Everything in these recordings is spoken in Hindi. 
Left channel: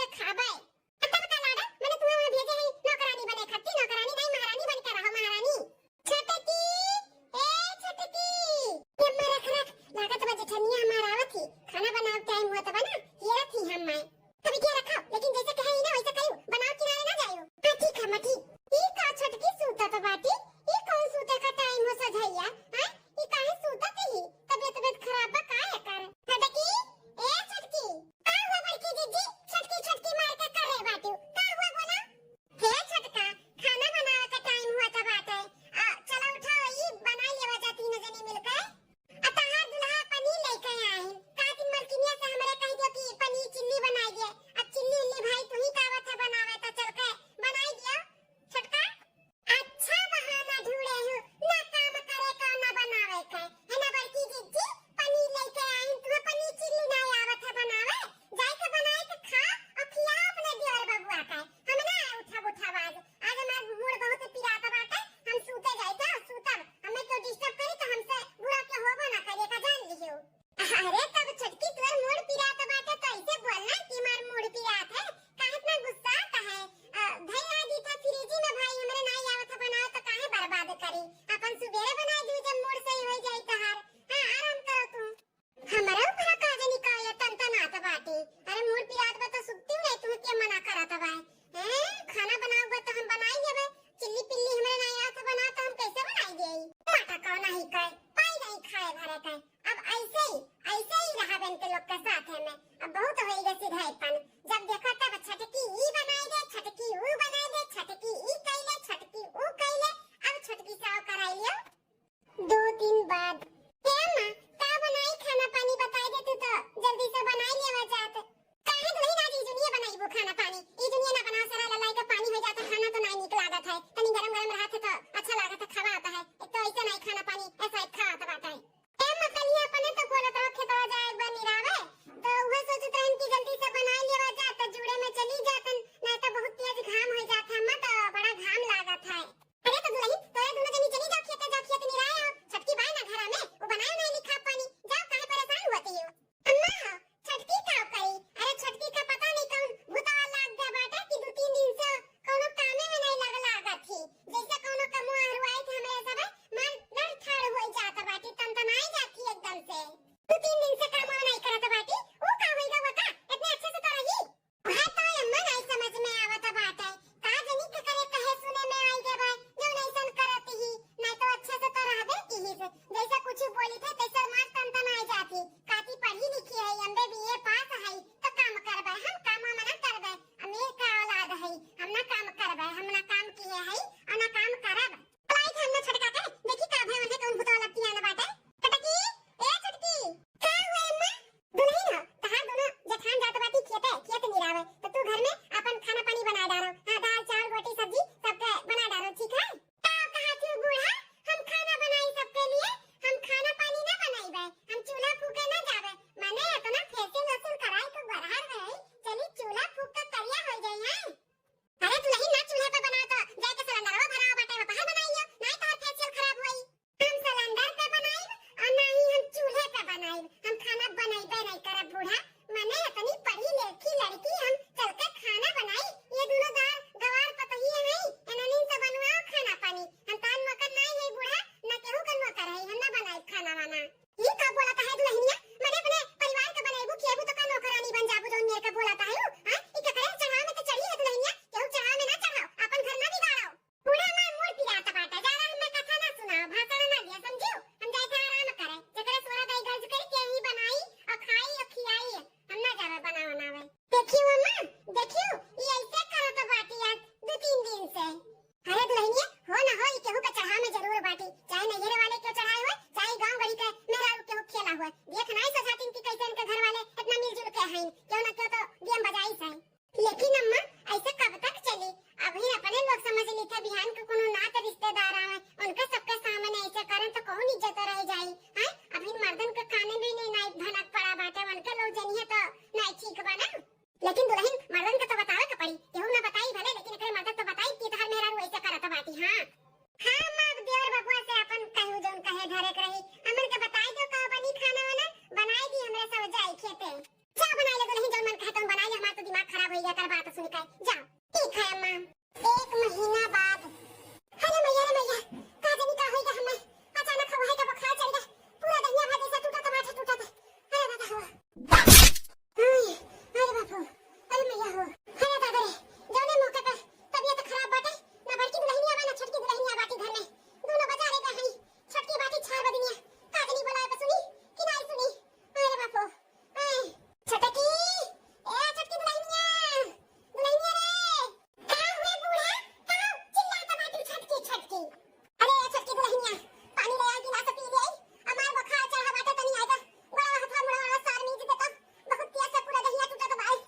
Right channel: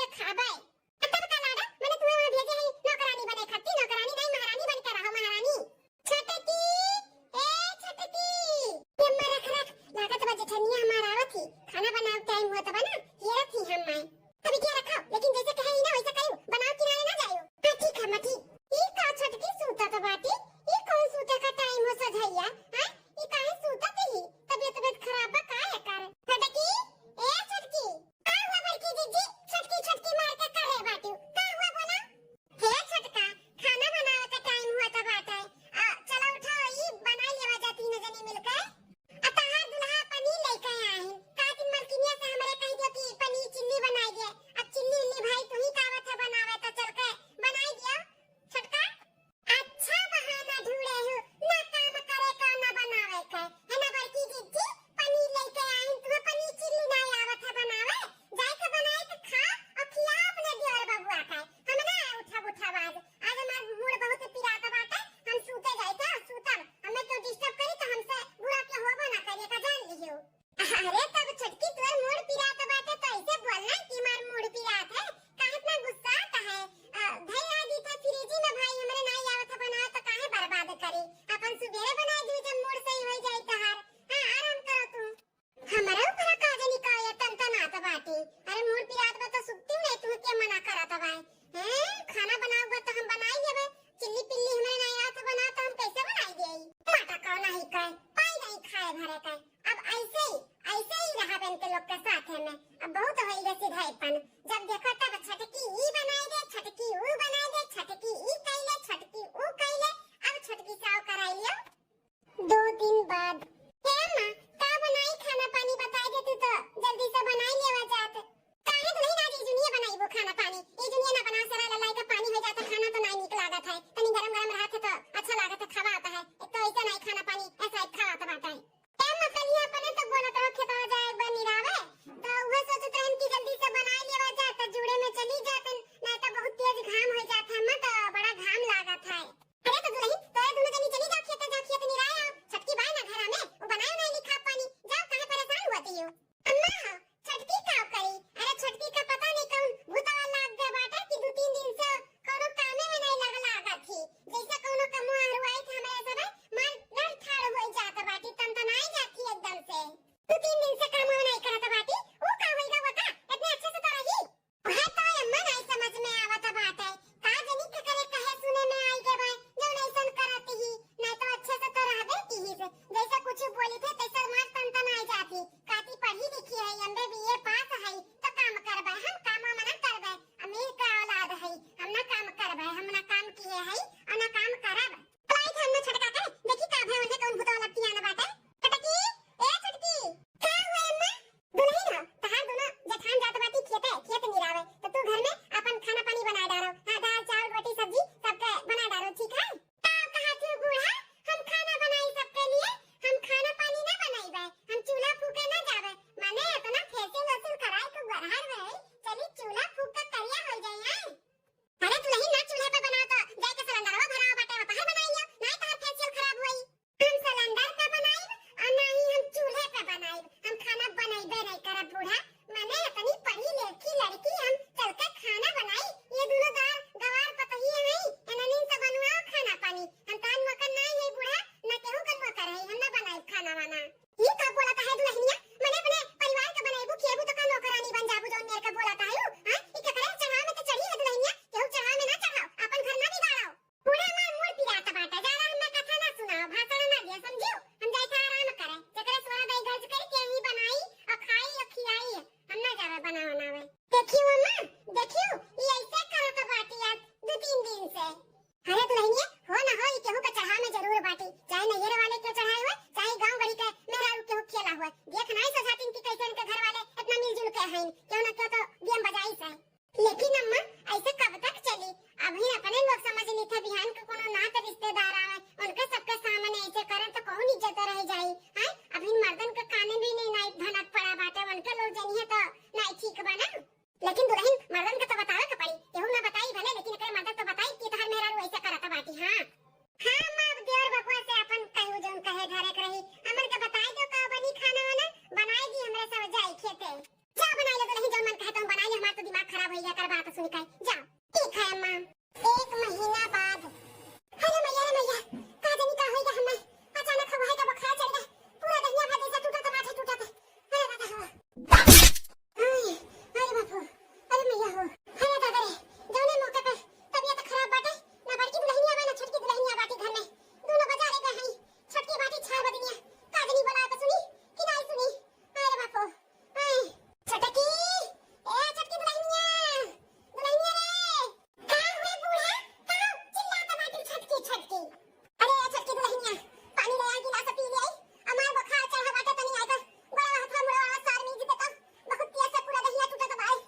के खाबे। तब का लाड़ा मैंने तुम्हें वहां भेजे है नौकरानी बने खाती, नौकरानी नहीं महारानी बन के रहो महारानी। छटकी ए छटकी ये मरा खरक लागत बजे ठनिया हमारा आवत थी खाना बनाव टाइम हुआ तब ना ये रखी हम मैं अभी क्या रखो लेकिन जैसे कहे ना वैसा करो बनाव किनारे ना जायो। हां ठीक है मठी ई का छटकी सूता तो बाटी ई कौन सूता का टाइम हो सझैया हां ई काहे सूता थी तबीयत खराब बा का है कर छटकी ए छटकी का हुआ बड़की जीजी छटकी छटकी मार के कर रे बाटी का हुआ बोला हे छटका खाना बनावे का टाइम हुआ था बाटा चलो उठो ई बनाई लेवा जाती न जनी मिलकर अतहार दुल्हा पनीर लेके आई का दिन मलकिनिया से हमरे कह दियो कि पनीर चिल्ली बनाई दे अब चिल्ली इल्ली भाई तू ही कावत है बनावे तो चल के बनाई दियो छटका अच्छा बहाना ढूंढे हो ना काम करे का ना बनावे का है ना बड़की जीजी पनीर लेके आई तुम्हें पनीर चिल्ली ना आवत है बनावे जाई के बनाए के खा और खिला अपने दियोर बबुआ का हम ना उठा आज हमार मूड बहुत पिराता बाटे हम सूते जाए थे सूतब हमें तो डिस्टर्ब करी तो हमसे बुरा के होबो ना करे का जान लियो। अरे तब छटकी तोर मूड पिराता बाटे तो ऐसे बोलना कि मार मूड पिरात है काहे इतना गुस्सा आता है भाई आ दी था फ्रिज में भाई हमरे नहीं आवत बनाओ तो काहे बर्बाद करी अपन सुबेरे बनाई दी जब मूड सही हो जाए तो हां आराम करो तू हमारा ऊपर का जनी का ये तन आता बाटे अरे मूड पिरात बा तो सुत्ती नहीं तू के मना करत भाई हैं खाना बनाओगे तो हम बनाई देबे चिल्ली पिल्ली हमरे नहीं आवत बना तो हम कैसे बनाई देई माटा का नहीं खाए पाई नहीं खाए भरे का अब ऐसे ही रहा बनते लोग के साथ है में अब बहुत हो गई सीधाईपन जब देखो तब छटकी ई बनाई दे छटकी ऊ बनाई दे छटकी ई कइले छटकी ऊ कइले अब छटकी साव कराई लियो 2 दिन बाद हे मां का बनाई खाना पानी बता दे तू तो जल्दी से बनाई लेवा जात काहे तो नहीं आज दुनिया बनाई वो खाना पानी ये दुनिया ना बना सरा ललाई का पानी हो जाता खाना तो नहीं निक लागत है तनी गरम गरम रहत तो अच्छा लागत है खावा आता है एक तो ऐसा नहीं खाना पानी ऐसा ही खावा आता है ए मकलिया अपने तो बोलत रहो खेतवा जाए बनी रावे तो वो सोचत रहन कि जल्दी से बनाई लेवा जात जुड़े में चली जातन नहीं तो बहुत तेज घाम हो जात है मत बड़ा घाम लागत है अरे तो दुल्हन तोरे दोनों जनी चली जाओ खेत नहीं रहे हो छटकी बाई ना घर में वो बनायो नहीं लिखा पानी जाओ काहे परेशान हुआ हो अम्मा हो छटकी का करी अरे छटकी का पता नहीं कौन भूतवा लाग गया बाटे कि 2-3 दिन से कोनो कामे में नहीं लागत थी जैसे कोनो कमो हरवाए थे हमारे सब मन डर ठाड़ हो जात बाटी तनतनाई जाती एकदम से 2-3 दिन से काम नहीं करत बाटी वो का होइगा वका इतने अच्छे से तो रही है तो अम्मा नहीं समझ में आवत बाटे का जनी के करे कहे सुने में आई के भाई जो ऐसन करत ही नहीं तो अच्छे से तो रहबे की ही जैसा कुछ बोली थे तैसा मार तनतनाई जाती काती पढ़ी लिखी है एमबे बीए पास है तो काम करबे हम काम मना करबे अमीर का औलाद है हम ना काम करबे हम ना काम किए है और ना काम करब पढ़ाई हम ना छटका के देखी का भय उन्हें कौन भूतवा लगती है ना बाटे छटकी ए छटकी का हुआ अम्मा दुल्हन हो तहार दोनों जखान जात बाटी खेत निरावे तो तू घर में अपन खाना पानी बना डालो हां दाल चावल रोटी सब्जी सब बना डालो ठीक है ताव कहा तू बूढ़ा हम खाना बनाई सबके लिए हम खाना पानी ना बनाईबे हम चूल्हा फूके ना जावे माने तो ना फेसियल वसूल कराई को बरहार में चली चूल्हा फूक के करिया हो जाए अरे दुल्हन ना चूल्हे पे बनाओ तो जाए के सिलेंडरवा भराओ बाटे बाहर बनाई लियो नहीं तो फेसियल खराब होई हम सिलेंडर पे बनाई और ना ही हम चूल्हे पे बनाई हम खाना बनाईबे नहीं करब बूढ़ा माने इतनी पढ़ी लिखी लड़की हम चल के खाना बनाई ये दोनों गवार पतही है इन्हीं से बनवाओ खाना पानी हम तान मकन नहीं है बूढ़ा ना केहू कन मकर है हम ना बनाई खाना वाना ये का बोलता है दुल्हनिया मैंने अपने परिवार का बनाईबू खेबू तो का नौकरानी बन जाबू जोन मेरे का बोलता है भैया कर बात सुन के जाओ। ठीक है अम्मा। 1 महीना बाद अरे मैया का जानी का होइगा हमें अचानक हवा है का बुखार चढ़ गया पूरा दहिया भात ऐसा टूटा था बाठे टूटा था। अरे दादा हवा अरे बापू अरे मैया हो अरे दादा रे जौने मौके पे तबीयत खराब बाटे ना बड़की दुल्हनिया बा ना छोटकी दुल्हनिया बाटी घर में दोनों बजा रे गए हैं। छोटकी बाटी 6 बजनिया का जानी बोला तो सुनी कि नहीं सुनी। अरे बापू छोटकी ए छोटकी दुल्हनिया दुल्हनिया रे का हुए बूढ़ा का चिल्लाता बाटी छोटकी अरे छोटकी दुल्हनिया पानी ले आ गिलास पी ले हमार बुखार चढ़ा बाटे तनी आएगा बड़ा हाथ मुड़ा वाला सार मीज देता बहुत पिया से पूरा दहिया टूटा तो भाई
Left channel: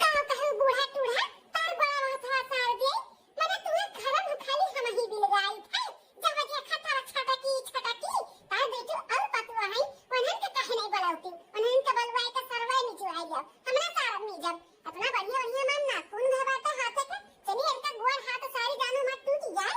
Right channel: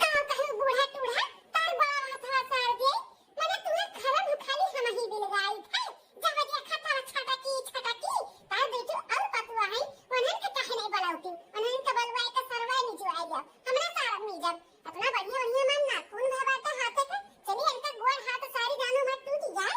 का कहे बूढ़ा टूढ़ा तार बड़ा हाथ सार दे मैंने तुम्हें घर में खाली हम ही बिल गई थे जब दिया खाता छटकी तार बेटू और पतुआ है वनन के कहे नहीं बलाउती वनन के बलवाए का सरवाई में जो आई गया हमने सारा में जब अपना बढ़िया मन ना कौन भवाता हाथ के चलिए इनका गोड़ हाथ सारी जानू मत टूट जाए।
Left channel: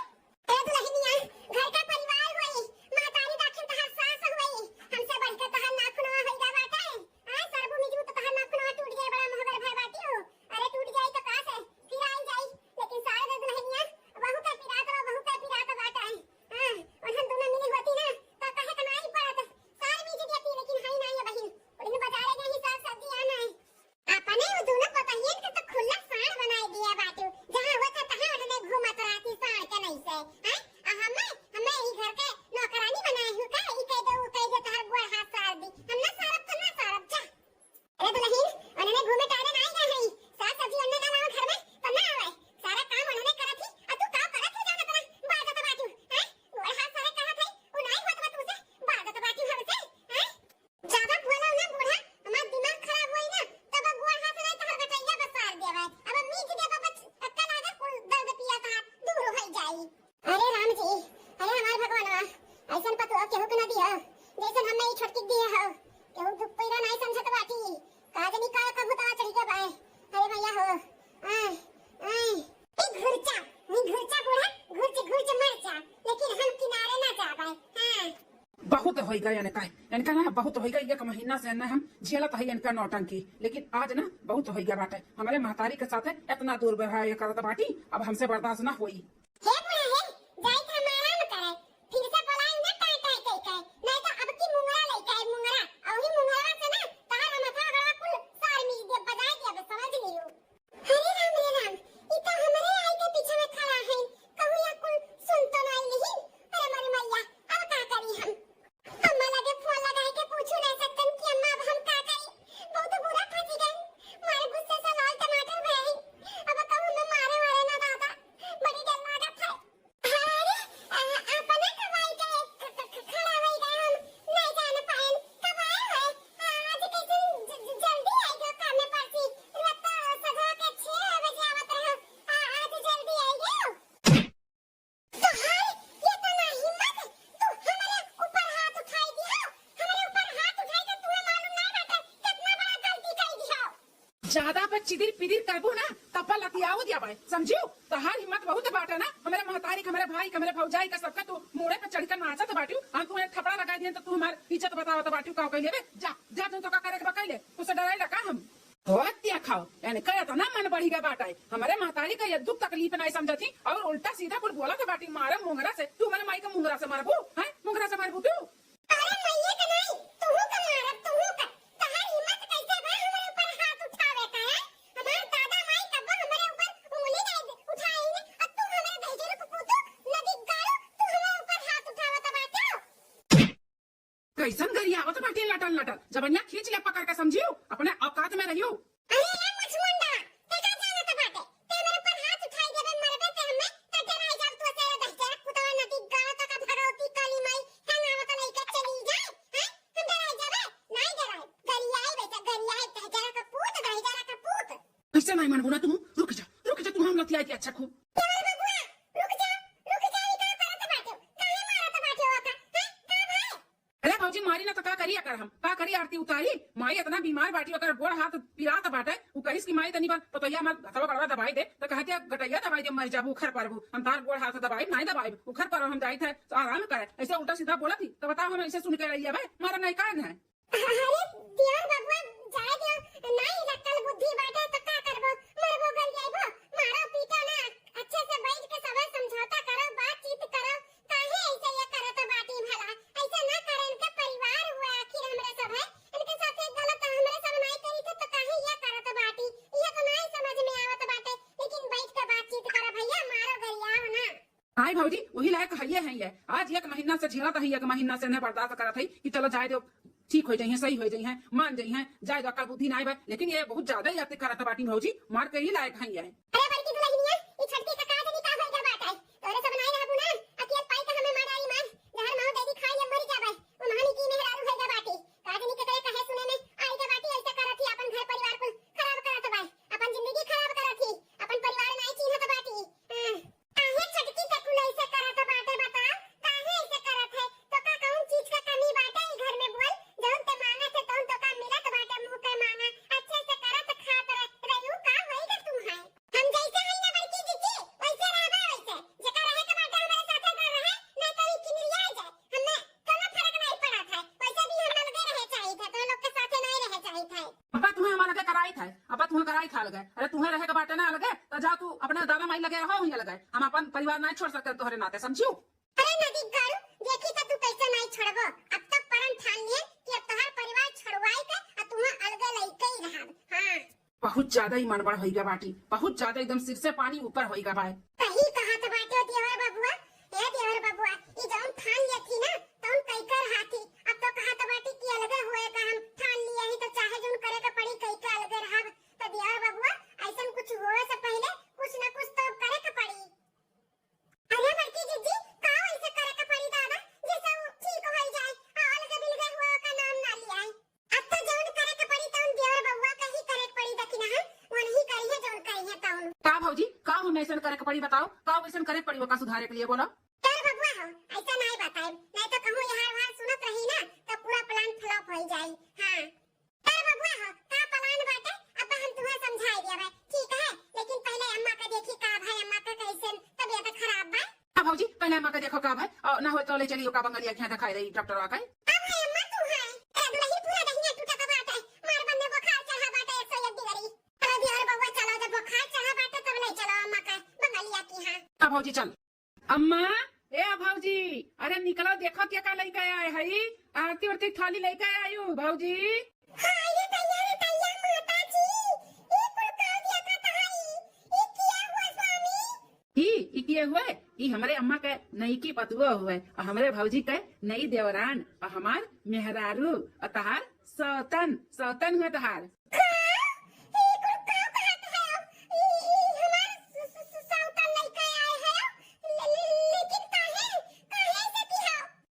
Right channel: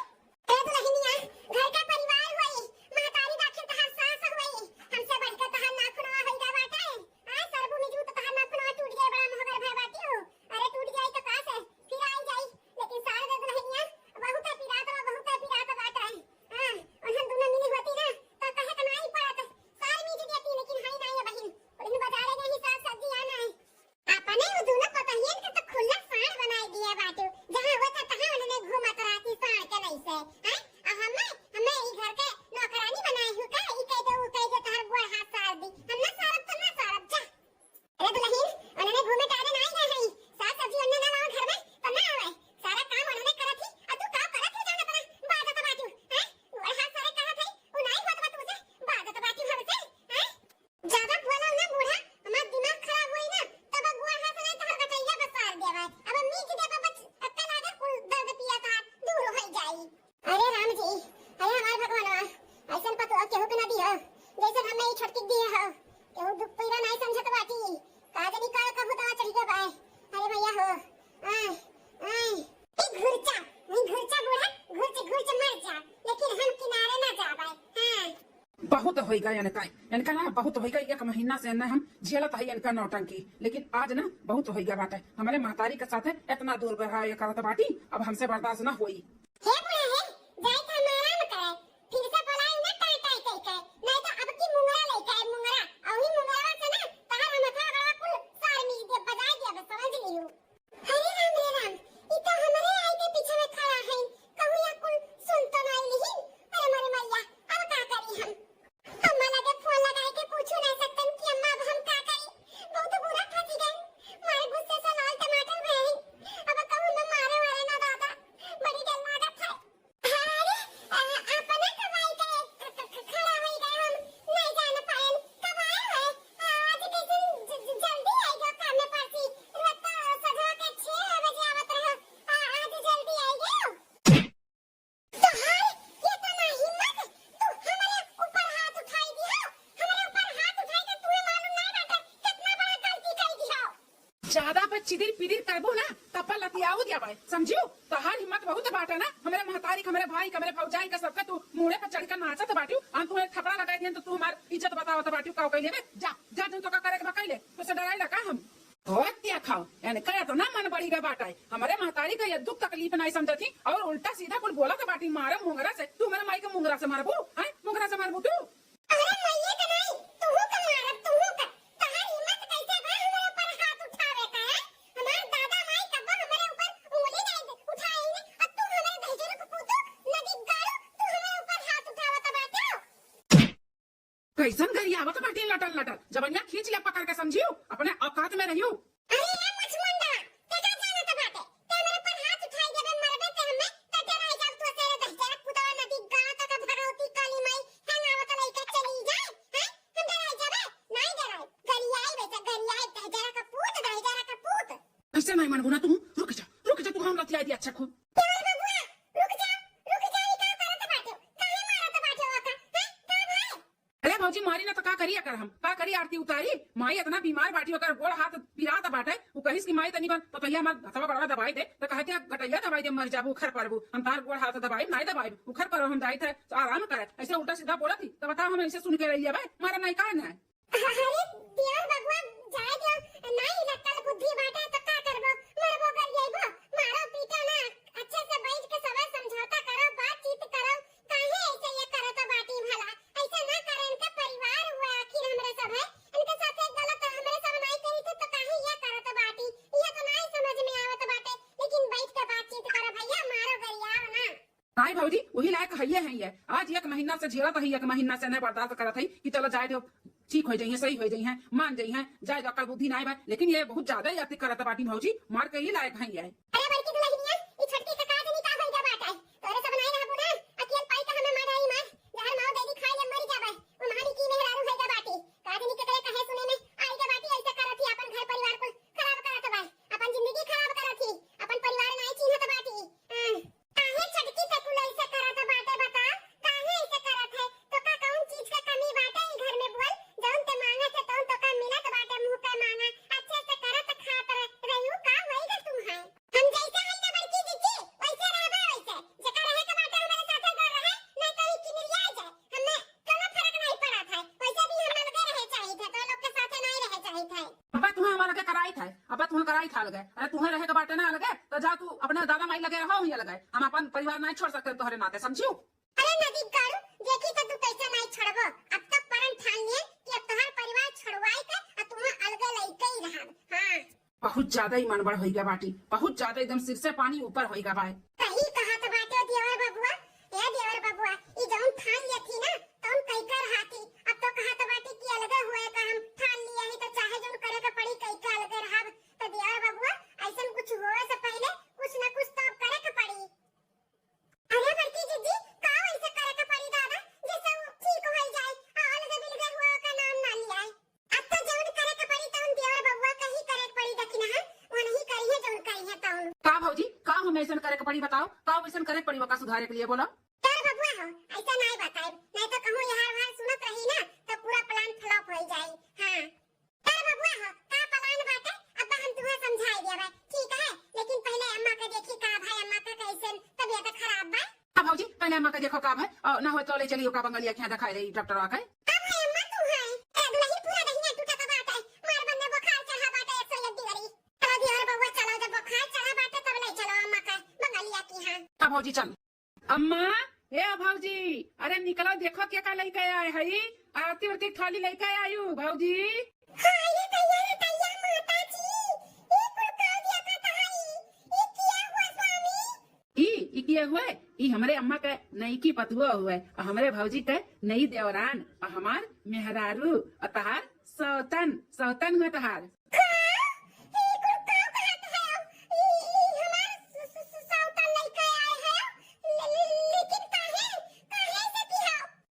ए दुल्हनिया घर का परिवार होई महतारी दाखिल तहार सास होई हमसे बढ़कर तहार नाखुनवा होइगा बाटा है आ सरबू मिजू तो तहार नाखुनवा टूट जाए बड़ा मोहगर भाई बाटी हो अरे टूट जाए तो का से फिर आई जाई लेकिन सारे दे दुल्हनिया बहुत पिरात बाटा है हां उन्हें दोनों मिली होती ना तो कहे कनाई पड़त सारी मिज देती लेकिन हाई नहीं है बहिन उन्हें बाजारे गई साग सब्जी आना है अपने वो दोनों पतहियन के तो खुला साड़ बनाई दिया बाटू जहां हुआ था तहां उन्होंने घूमत रहती साड़ के नहीं से हैं हमें ई घर के नौकरानी बनाए हूं का ई कह दो तहार गोड़ हाथ साड़ दी हम ना सारब जा। अरे दुल्हन उन्होंने घूमे टारे नहीं रहे साग सब्जी उन्होंने ना घर में तो ना आवे सारा काम उन्होंने करत थी और तू का करत है जाना अपना बात तो बाटू हैं गोड़ हाथ सारे करत है उ नहीं होत बा तुझे बात तो बाटू हमसे हैं ज्यादा बोलो ना बूढ़ा हमारा दिमाग खराब होई ना तब गोड़ हाथ नहीं तहर बटैया बसार देवे अब मीज दे बच अक्का लागे कुल दर्द पिया ता दूर हो जाई। अरे राम जी अरे हमार भगवानवा ऐसन पतो केहू के ना दिया जैसे हमें ई छोटकी दिए हो केहू दुख पीड़ा नहीं समझत बाटी काजनी का कबूता चढ़ के बाए अरे भैया हो ई घुरचा बूढ़ा घुरच मर जा लेकिन हम किनारे ना जा पाए हां बहुत होइगा यानी का ना बहुत होइगा 1 महीना से ना हम झेलत है इनका नौटंकी लेकिन आज ना बहुत होइगा बाटे हमारे महतारी के साथ इतना दूर व्यवहार ये करत बाटी अब हमसे बर्दाश्त ना होई। हे बूढ़ा है जाई था मारा न करे फिर से बोलाई ना टाई नहीं तो अब की मुंगरा लेके है मुंगरा और ही मुंगरा से ना तार माथा गला कुल सार मीज दे बजाई दे अब समझ लियो। अरे राम ई तो हमारे आई के पीछे में खड़ा है कहू या कुल सुन तो नहीं नहीं अरे मारे मैया अब का करी हम अम्मा लगे फोन लगाए के पूछू नहीं सकतन कि अम्मा अब हम का करी बहुत बुरा फंसी गए मारे गुस्से से लाल टमाटर भए अब कहू न मारे ना दादा बड़ी डर लागत है। अरे अपने कमाई के खड़ा हो गए हम नहीं जान पाए कब आए हैं आज कैसे जल्दी आई गयो काम में परसी रत सजा के 6 बजे आवत रहो आज जल्दी आई गयो तो हाय ये तो ना हिम्मत तू हमारे ऊपर हाथ उठाई दिया हमारे ऊपर हाथ उठाई तो तुम्हें मालूम नहीं बाटे कितना बड़ा गलती कर दिया ज्यादा पे चिदिर पिदिर करबो ना तब लतियाओ दिया बड़े समझियो तहार हिम्मत बहुत बाटे ना हमारे महतारी हमारे भाई हमारे भौजाई का सबका तू मुंह पे चढ़कर नाचत बाटियो हम तुम्हें थपड़ा लगाई दिए तो तू हमार इज्जत बतावत बाटियो का कइले बे जा तू तो का करे के बकइले तो से डराई लगा हम होतिया खाओ यानी कहे तो ना मन बढ़ी का बाटा है हमारे महतारी का ये दुख तकलीफ नहीं समझती और उल्टा सीधा कुल बोला तो बाटी मारे मुंगरा से तू हमारे माई के मुंगरा से मारबू हैं मुंगरा से मारबू तू अरे मैया का नहीं तू का मारब तू का तहार हिम्मत कैसे बा हमारे ऊपर हाथ उठावे का है हमार दादा माई कब हमारे ऊपर उंगली नहीं उठाई ने और तू हमारे भेजर को पुतो नदी गालो तू हमारे ऊपर हाथ उठावत बाटे कैसन गरियावत बाटी लटल जबनिया खींच ले पकड़ के समझियो अपने औकात में रहियो। अरे ना मुचमुंडा ते का जानत बाटे ते मेरे पर हाथ उठाई देबे मरबे ते हमें तटे रह जा तू तेरे दहजर पुतवा नदी गाला तक भगवती काली माई है नावत लइका चली जाए हैं हम डराई जाबे नहीं डराई गरियाई बेटा गरियाई दहजरा का पूत कैसे नहीं मनबू ना तू रुक जा तू हम लतियाई दी अच्छा खो अरे बबुआ रुक जा ई का करत बाटे काहे मारत बाटे ओका हैं का भाई अरे भौजी मारी ना तो का करी अगर हम का करी आरती उतारी माई इतना बीमार बाटी होकर गोड़ हाथ पिरात बाटे वो कहिस की माई तनी बार पतैया मत हथवा बड़वा दवाई दे तो कहते गटैया दवाई दे मर जाबू उखर परबू हम तार गोड़ हाथ दवाई नहीं दवाई उखर पर हम जाई थे तो आराम करे ऐसे उल्टा सीधा बोला थी तो बताओ हम ऐसे सुन के रही है मारा नहीं कारण है। अरे दियार बबुआ जाए दे नहीं लटल बुद्धि बाटे तो का आई भौजी वही लायक है आज एक महीना से झेलत है, एक महीना से नहीं बर्दाश्त करत है कि चला जाए तो ठीक हो जाइए, सही हो जाइए, मान जाइए, जाए जो अक्ल बुद्धि ना आए। लेकिन ये बहुत ज्यादा ही अति करत बाटी भौजी, मार के ही लायक है। अरे बड़की दुल्हनिया ई छटकी का काज नहीं का होई का बाटे तोरे सब नहीं रहबू ना अकेले पाई का हमें मार आई मार जहर माओ दे दी खाई ले मर जाबे वो महानी की मेहरारू है का बाटी काज नहीं के करे कहे सुने में आई का बाटी ऐसा करत ही अपन घर परिवार को खराब करत बा, अपन जिंदगी खराब करत ही, अपन परिवार नहीं चिन्हत बाटी। काहे छटकी से कुल ऐसे करत बाटे बता, काहे ऐसे करत है तो का कौन चीज का कमी बाटे ई घर में बोल, जौन ते मांगा से तौन तो का मिलत बाटे मुंह पे मांगा अच्छे से करत खात रहू का होईगा तुम है हम जैसे है ना बड़की जीजी वैसे रहबा वैसे जका रहे के बाटे हमारे साथ कर रहे नहीं तो ई किनरिया जाए हमें कोनो फर्क नहीं पड़त है वैसे भी हम लोग रहे चाहिए थे तो लोग के साथ नहीं रहे चाहिए थे। अब तुम्हें हमारा के कराई था, अब तुम्हें कराई था लगे, अरे तुम्हें रहे के बाटे ना लगे तो जा तू अपने दादा माई लगे रहो ही लगे, हम अपन परिवार नहीं छोड़ सकते तोहरे नाते, समझियो। अरे नदी गाड़ू देखी तो तू कैसे नहीं छोड़बो, अब तक परन ठान लिए कि अब तोहर परिवार छोड़वाई के और तुम्हें अलग लइके ही रहब। हां बहुत ज्यादा ही मनबड़ होई गया बाटी, बहुत ज्यादा एकदम सिर से पानी ऊपर होई गया भाई। सही कहा तो बाटे देवर बबुआ, ए देवर बबुआ ई जौन ठान लिए थी ना तौन कई कर हाथी अब तो कहा तो बाटे कि अलग हुए का हम ठान लिए ही तो चाहे जौन करे के पड़ी कई का अलग रहब तो देवर बबुआ ऐसन कुछ होए से पहले कुछ ना कुछ तो करे के पड़ी। अरे बड़की जीजी का ऐसे करे के पड़ी दादा जैसे ठीक हो जाए अलग बिलगे हुआ का नाम ना लिया है, अब तो जौन करे के पड़ी तौन देवर बबुआ का ही करे के पड़ी दकिना है वो नहीं करी है जौन करी है तौन। का भौजी का हम ऐसा करे के पड़ी बताओ, का ऐसा करे के पड़ी का सुधारे के लिए बोलो। तर बबुआ हो ऐसा नहीं बताए नहीं तो कहूं यहाँ वहाँ सुनत रही ना तो पूरा प्लान फ्लॉप हो जाए। हां तर बबुआ हो का प्लान बाटे अब हम तुम्हें समझाई देबे ठीक है, लेकिन पहले अम्मा के देखी का भाई अम्मा का कैसे तबीयत खराब बा। अब भौजी पहले अम्मा का देखो का भाई और ना हो तो ले चलियो का बंगलिया क्या दिखाई रही डॉक्टर आके। अब है अम्मा तू है ए दुलही पूरा दहिया टूटा का बाटे मार बंदे बुखार चढ़ा बाटे 101 डिग्री चलो दियर बबुआ चलो जब बुखार चढ़ा बाटे तब ले चलो अम्मा का बंगलिया की। हां अब भौजी चल। अम्मा ए भौजी अरे निकला देखो क्या का लेके आए है, आरती उरती थाली लेके आयु भौजी। हां ये तैयार माता जी ये कुल का दिया का तहाई ये किया हुआ स्वामी ई किए हुए ई हमारे अम्मा के नई की पतुआ हुए और हमारे भौजी के नई देवरान और हमार मेहरारू और तहार सौतन सौतन हुए तहार।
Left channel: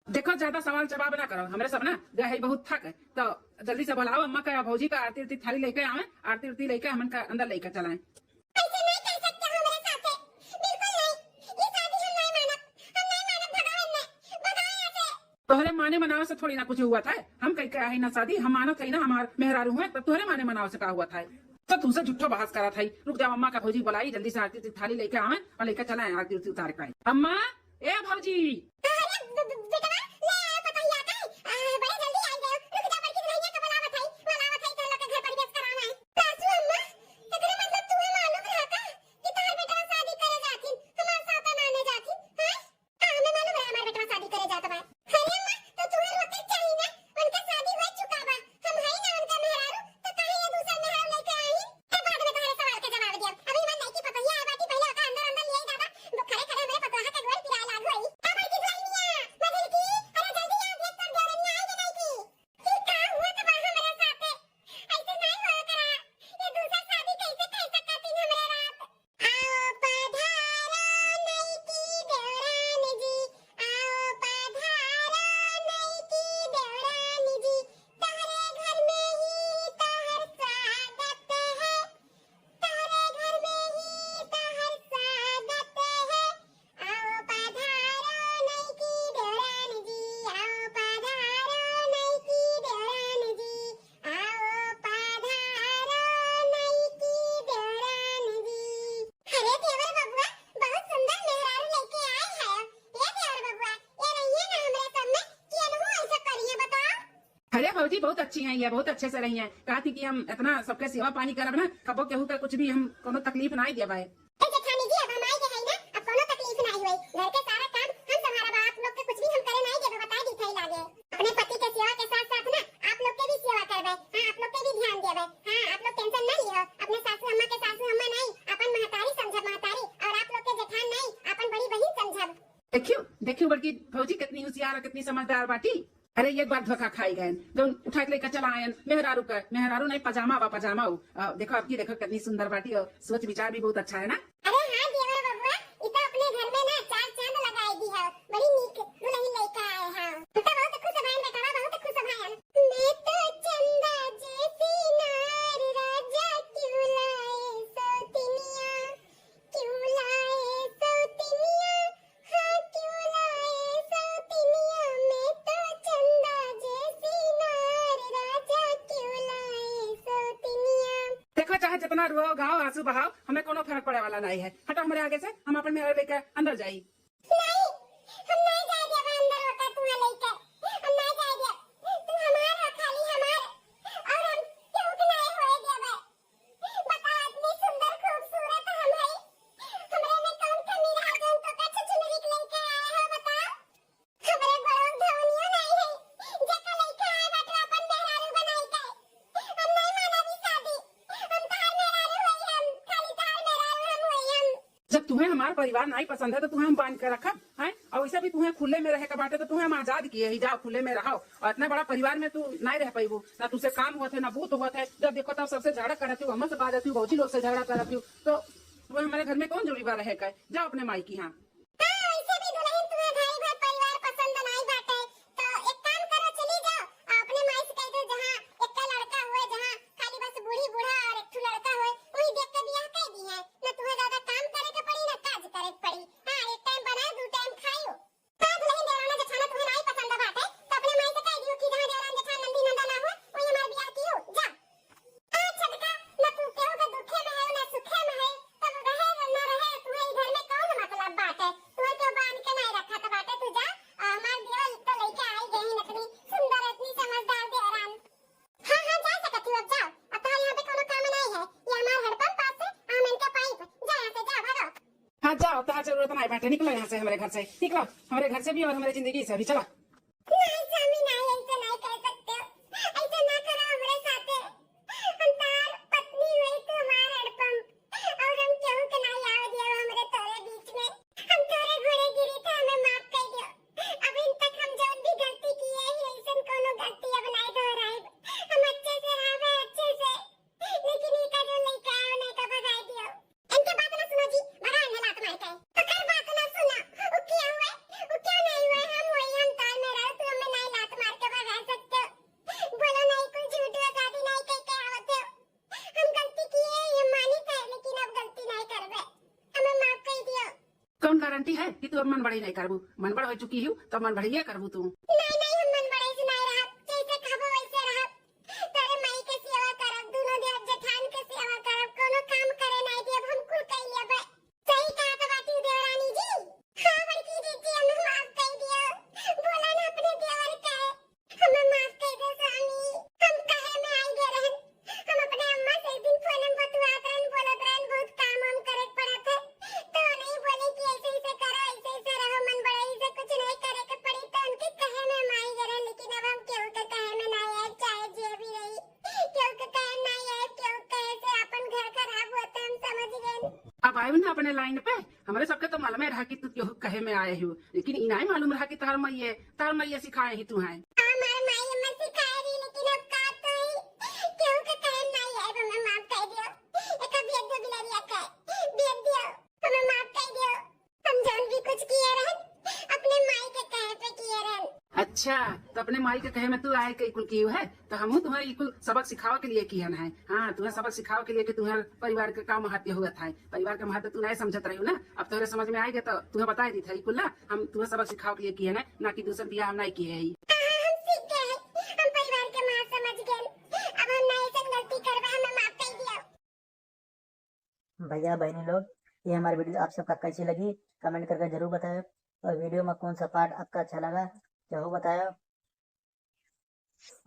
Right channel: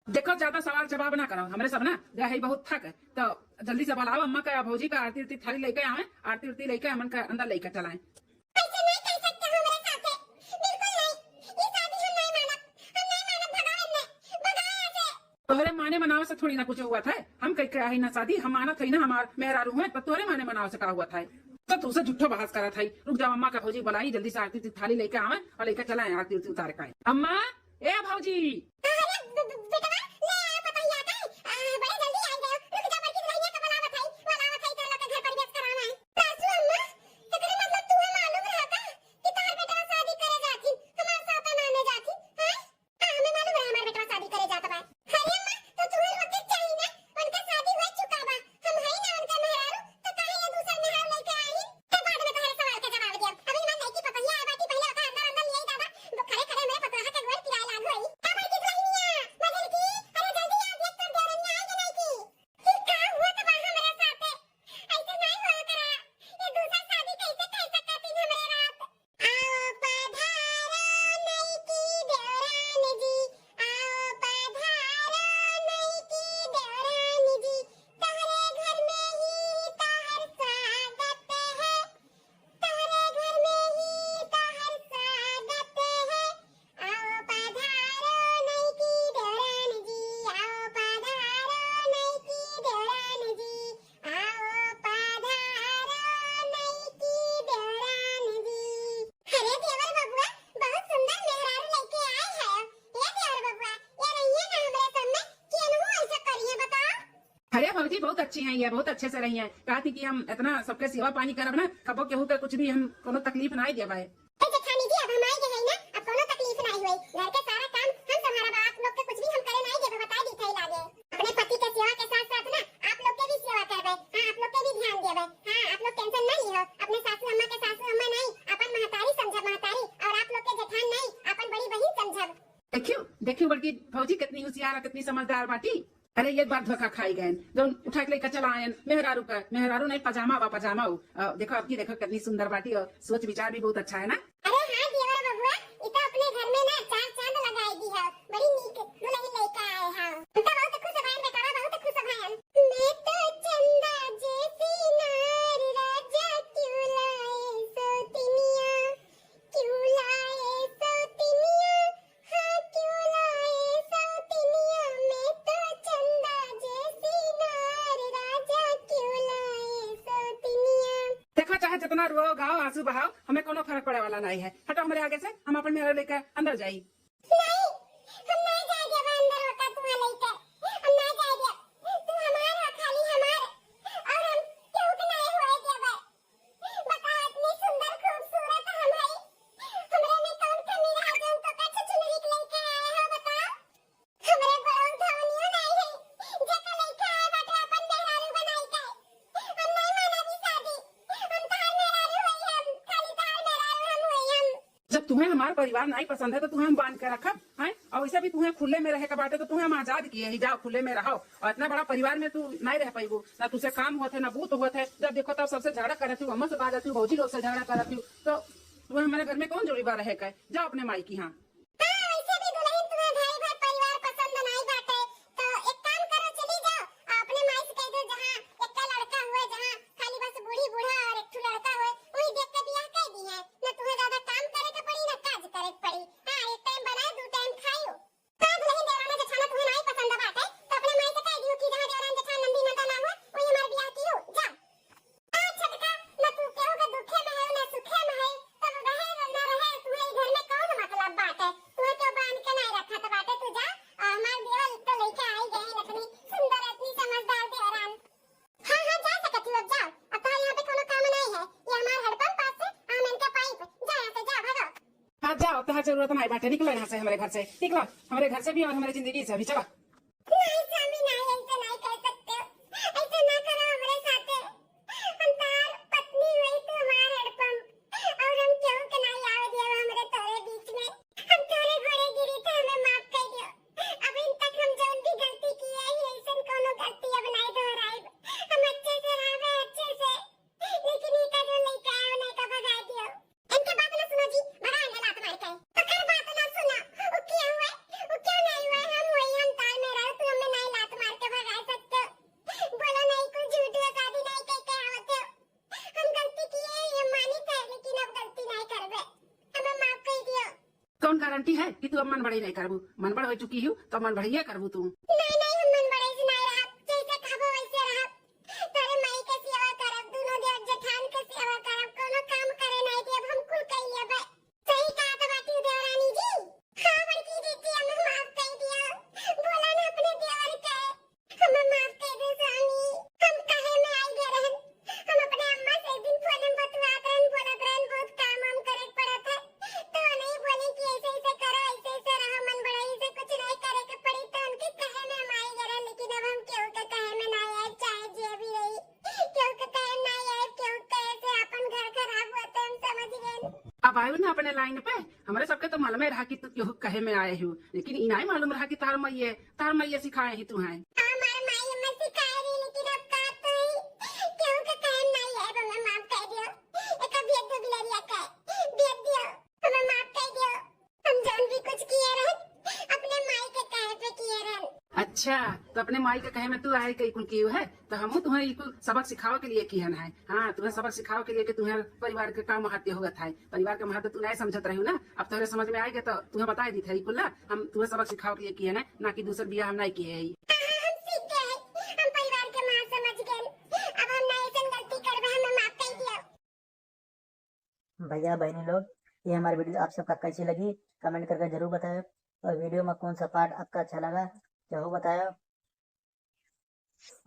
देखो ज्यादा सवाल जवाब ना करो, हमारे सब ना गए बहुत थक है तो जल्दी से बुलाओ अम्मा का भौजी का आरती उरती थाली लेके आवे, आरती उरती लेके हमन का अंदर लेके चलाएं। ऐसे नहीं कर सकते हमारे साथ बिल्कुल नहीं, ये शादी हम नहीं मानब भगाओ ऐसे। तोहरे माने मनावे से थोड़ी ना कुछ हुआ था, हम कहीं के आई ना शादी, हम माना थी ना हमार मेहरारू हुए तो तोहरे माने मनावे से का हुआ था, तो तुमसे झूठा बहस करा था। रुक जाओ अम्मा का भौजी बुलाई जल्दी से आरती उरती थाली लेके आवे और लेके चलाएं आरती उरती उतार के। अम्मा ए भौजी भौजी बहुत अच्छी हैं, ये बहुत अच्छे से रही हैं, कहा थी कि हम इतना सबके सेवा पानी करब ना कबो केहू के कुछ भी हम कोनो तकलीफ ना दे भाई। जेठानी जी अब हम आई गए ना अब कोनो तकलीफ नहीं हुई, घर के सारा काम हम संभाला, आप लोग के कुछ भी हम करे नहीं देबे बता दी थई लागे। अपने पति के सेवा के साथ साथ ना आप लोग के भी सेवा करबे। हां आप लोग के भी ध्यान देबे। हां आप लोग टेंशन ना लियो, अपने सासू अम्मा के सासू अम्मा नहीं अपन महतारी समझब महतारी और आप लोग के जेठान नहीं अपन बड़ी बहन समझब। देखियो देखियो बड़की फौजी कितनी होशियार है, कितनी समझदार बाटी। अरे एक बार धोखा खाई गए जो उठा के लेकर चला आयन मेहरारू नहीं पजामा बा पजामा हो। देखो आपकी देखो कितनी सुंदर बाटी और सोच विचार भी बहुत अच्छा है ना। अरे हाँ देवर बबुआ, ये तो अपने घर में ना चार चांद लगाई दी है, बड़ी नीक दुल्हन लेकर आए हैं। हम तो बहुत खुश हैं बेटा, बहुत खुश हैं। मैं तो चंदा जैसी नार, राजा क्यों लाए सौतनिया, क्यों लाए सौतनिया, हाँ क्यों लाए सौतनिया। मैं तो चंदा जैसी नार, राजा क्यों लाए सौतनिया। देखो चाहे जितना रो गाओ आंसू बहाओ, हमें कोनो फर्क पड़े वाला नहीं है। हटो हमारे आगे से, हम अपन मेहर लेकर अंदर जाई। नहीं, हम नहीं जाएंगे अब अंदर होता तुम्हें लेकर, हम नहीं जाएंगे। तुम हमारा खाली हमारे, और हम क्यों के नहीं होएगे भाई। बता इतनी सुंदर खूबसूरत हम है, हमरे में कौन कमी रह गई तो कैसे चुनरी के लेकर आए हो बताओ। हमरे बड़ों धवनियो नहीं है, जेका लेकर आए बाटे अपन मेहरारू बनाई के। हम नहीं माना भी शादी, हम तार मेहरारू होई, हम खाली तार मेहरारू हम होई हम। जब तुम्हें हमारा परिवार नहीं पसंद है तो तुम्हें हम बांध कर रखा है, और वैसे भी तुम्हें खुले में रहे का बाटे तो तुम्हें हम आजाद किए ही, जाओ खुले में रहो। और इतना बड़ा परिवार में तू नहीं रह पाईबू, ना तुझसे काम हुआ थे ना बूत हुआ थे। जब देखो तब सबसे झगड़ा करती हूँ, हमसे बात हूँ, भौजी लोग से झगड़ा करती हूँ, तो तुम्हें हमारे घर में कौन जोड़ी बार रहे का। जाओ अपने माई की। हाँ हाँ, वैसे भी दुल्हन तुम्हें भाई भाई परिवार पसंद नहीं बाटे, तो एक काम करो चली जाओ अपने माई से कह दो जहाँ एक का लड़का हुए, जहाँ खाली बस बूढ़ी बूढ़ा और एक ठो लड़का हुए, वही देख के बियाह कर दी है। न तुम्हें ज्यादा काम करे के पड़ी न काज करे के पड़ी। हाँ एक टाइम बनाए दो टाइम खाओ। हाँ दुल्हन देवराना जेठाना तुम्हें नहीं पसंद बाटे तो अपने माई से कह दियो कि जहाँ देवरान जेठान नंदी नंदा ना हुए वही हमारे बियाह की हो जाओ। हाँ छटका, न तू केहू के दुखे में है न सुखे में है, तब रहे न रहे तुम्हें घर में कौन मतलब बाटे। तुम्हें तो बांध के नहीं रखा तो बाटे, तू जा हमार देवर तो लेके आई गई हैं इतनी सुंदर इतनी समझदार देवरान। हाँ हाँ जा सकती हो, अब जाओ। अब तो यहाँ पे कोनो काम नहीं है, ये हमार हड़पम पास से आमन का पाइप, जा यहाँ से जा भागो। हाँ जाओ, तुम्हारा जरूरत नहीं बैठे, निकलो यहाँ से, हमारे घर से निकलो, हमारे घर से भी और हमारी जिंदगी से भी। चलो नहीं स्वामी नहीं, ऐसे नहीं कर सकते हो, ऐसे ना करो हमारे साथे। हम तार पत्नी हुई तू हमार हड़पम, और हम क्यों के नहीं आवे दिया हमारे तोरे बीच में। हम तोरे घोड़े गिरी थे, हमें माफ कर दियो। अब इन तक हम जो भी गलती की है ऐसन कोनो गलती अब नहीं दोहराएब। हम अच्छे से रहे अच्छे से, लेकिन ये का जो लेके आए नहीं का भगा दियो। इनके बात ना सुनो जी, भगा ने लात मार के। तो कर बात ना सुनो, वो क्या हुआ वो क्या नहीं हुआ, हम वही हम ताल में रहो, तू हमें नहीं लात मार के भगा सकते हो। बोलो नहीं कुछ झूठ गादी नहीं कह के आवत हो। हम गलती की है ये मानी था, लेकिन अब गलती नहीं करबे, हमें माफ कर दियो। कौन गारंटी है कि तू अब मन बढ़ी नहीं करबू। मन बढ़ हो चुकी हूँ तो मन बढ़िया करबू तू। नहीं नहीं हम मन बड़े से नहीं रहा, जैसे कहबो वैसे रहा। तेरे माई के सेवा करब, दोनों देव जेठान के सेवा करब, कोनो काम करे नहीं देब, हम कुल कह लेबे। सही कहा तो बात देवरानी जी। हाँ बड़की दीदी हमें माफ कर दियो, बोला ना अपने देवर का हमें माफ कर दो स्वामी। हम कहे में आई गए रहन, हम अपने अम्मा से एक दिन फोन में बतवात रहन, बोलत रहन बहुत काम हम करे के पड़त है, तो नहीं बोले कि ऐसे ऐसे करो ऐसे ऐसे रहो, मन बड़े से कुछ नहीं करे के पड़ी, तो उनके कहे में हम आई गए रहन। लेकिन अब हम केहू के कहे में नहीं आए, चाहे जे भी रही केहू के कहे नहीं आए, केहू कहे से अपन घर खराब हुआ तो हम समझ गए। अब आयो ना अपने लाइन पे। हमारे सबके तो मालूम रहा कि तू केहू कहे में आए हो, लेकिन इना ही मालूम रहा कि तार मैये सिखाए ही तू है। हमारे माई अम्मा सिखाए रही, लेकिन अब का तो ही केहू के कहे नहीं आए, हमें माफ कर दियो। एक बेद दो बिलरिया का बेद दियो, हमें माफ कर दियो। हम जान भी कुछ किए रहन, अपने माई के कहे पे किए रहन। अच्छा तो अपने माई के कहे में तू आए कई कुल की है, तो हम तुम्हें ई कुल सबक सिखावे के लिए किहन है। हाँ तुम्हें सबक सिखावे के लिए कि तुम्हें परिवार के का महत्व हुआ था, परिवार के महत्व तू नहीं समझत रही ना। अब तेरे समझ में आएगा तो तुम्हें बता दी था कुल ना, हम तुम्हें सबक सिखावे के लिए किए है, ना कि दूसर बियाह हम नहीं किए है। हम सीख गए, हम परिवार के मां समझ गए, अब हम नहीं ऐसा गलती करबे, हमें माफ कर दियो। भैया बहनी लोग, ये हमारी वीडियो आप सबका कैसी लगी कमेंट करके जरूर बताएं, और वीडियो में कौन सा पार्ट आपका अच्छा लगा जरूर बताएं।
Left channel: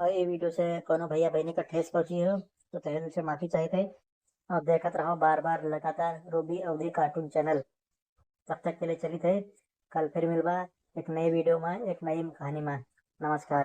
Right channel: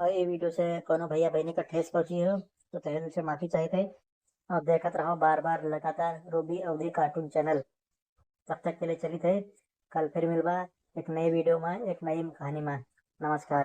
और ये वीडियो से कोनो भैया बहनी का ठेस पहुंची हो तो तहे दिल से माफी चाहते हैं, और देखते रहो बार बार लगातार रूबी अवधि कार्टून चैनल। तब तक के लिए चली थे, कल फिर मिलवा एक नई वीडियो में एक नई कहानी में। नमस्कार।